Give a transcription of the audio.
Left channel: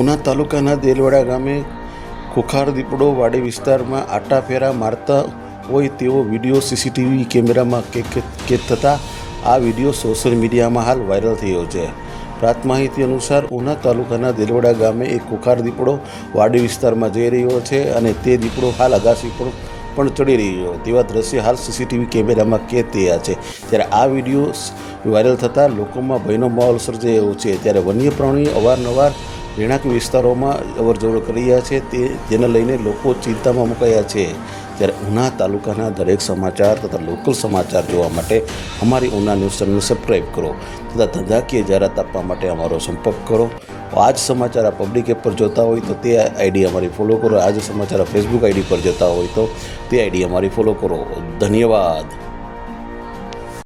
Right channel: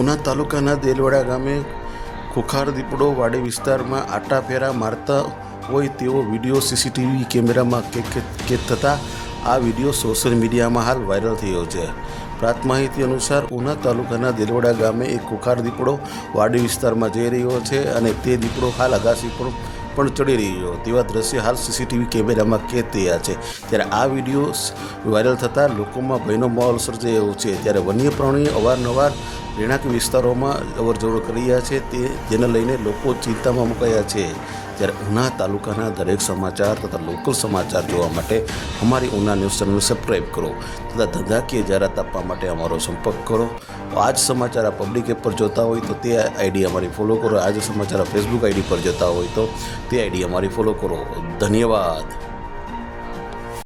ઉના તાલુકાના દેલવાડા ગામે ખુખાર દીપડો વાડી વિસ્તારમાં આટાફેરા મારતા હોય તેવો વિડીયો સીસીટીવી કેમેરામાં કેદ થતાં આ વિડીયો સોશિયલ મીડિયામાં હાલ વાયરલ થયો છે. પ્રાપ્ત માહિતી અનુસાર ઉના તાલુકાના દેલવાડા ગામે એક ખુખાર દીપડો વાડી વિસ્તારમાં જઈ રહ્યો છે અને તે દીપડો હાલ અગાસી પણ ચડી રહ્યો તેવા દ્રશ્ય હાલ સીસીટીવી કેમેરામાં કેદ થયા છે. ત્યારે આ વિડીયો વાયરલ થતાં લોકોમાં ભયનો માહોલ સર્જાયો છે. ત્યારે વન્ય પ્રાણીઓ અવારનવાર રહેણાંક વિસ્તારોમાં અવરજવર કરી રહ્યા છે, જેને લઈને લોકો ચિંતામાં મુકાયા છે. ત્યારે ઉના તાલુકાના દરેક સમાચાર તથા લોકલ સમાચાર જોવા માટે અમારી ઉના ન્યૂઝ ચેનલને સબસ્ક્રાઈબ કરો તથા ધંધાકીય જાહેરાત આપવા માટે અમારો સંપર્ક કરો. આ જ સમાચાર આ પબ્લિક એપ પર જોતા હોય તો તે આઈડી અમારી ફોલો કરો. આ જ સમાચાર ફેસબુક આઈડી પર જોતા હોય તો તે આઈડી અમારી ફોલો કરો. ધન્યવાદ.